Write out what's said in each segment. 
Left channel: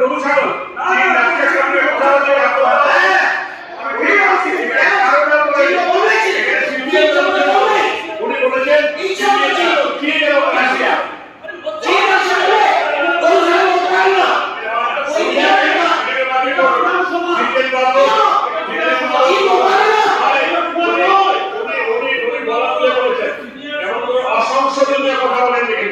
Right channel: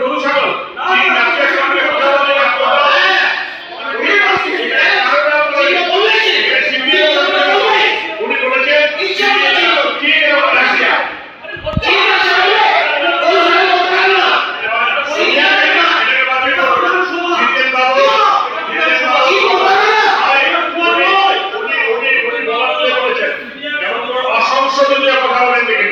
গরু ছাগল চিনি রাখিয়া সঙ্গে কথা বলে উনি বলেছেন কি এবং রাশিয়া অসংসদীয় কথা বলেন দেখেন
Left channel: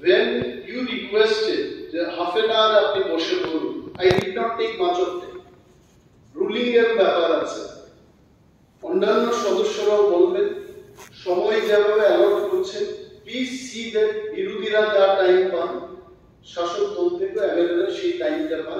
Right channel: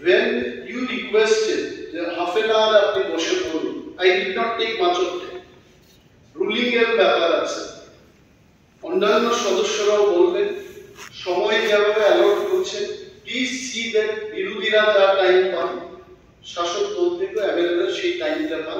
When you requested the half an hour আপনি বসে পড়ুন, I did not take much of time. Ruling এর ব্যাপার আছে, অন্যান্য সদস্যরাও বলবেন, সময় যেভাবে অ্যালট করছে, প্লিজ সি দ্যাট বিরোধীরা যা টাইম পান শাসক দল থেকে এমএলএরা সেই টাইমটা পান।